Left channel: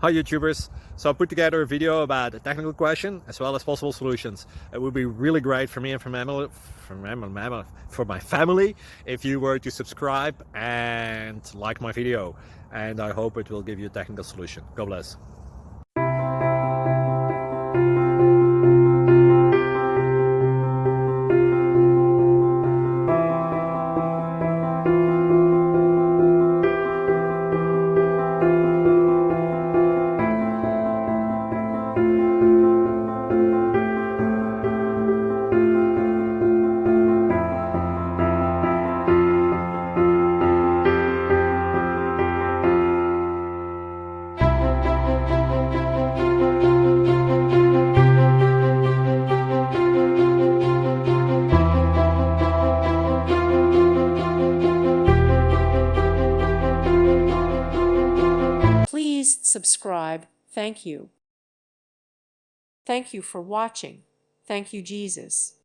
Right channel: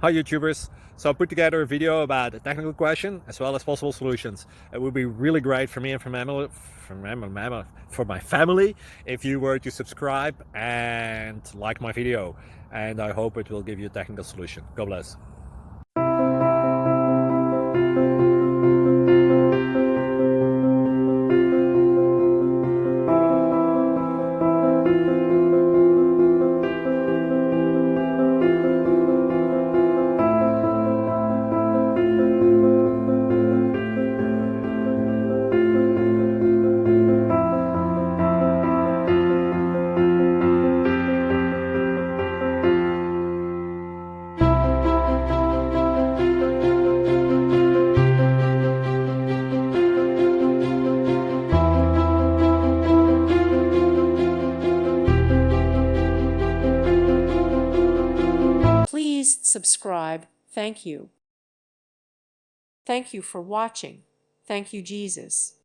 Hi YouTubers! So I put together a video about a technical question as well as possible solutions. It would be really great for me and for my family if you were to subscribe and like my video, and I hope it will give you a technical solution. God bless. Please subscribe. Thank you. Thank you for watching. Thank you, Jesus.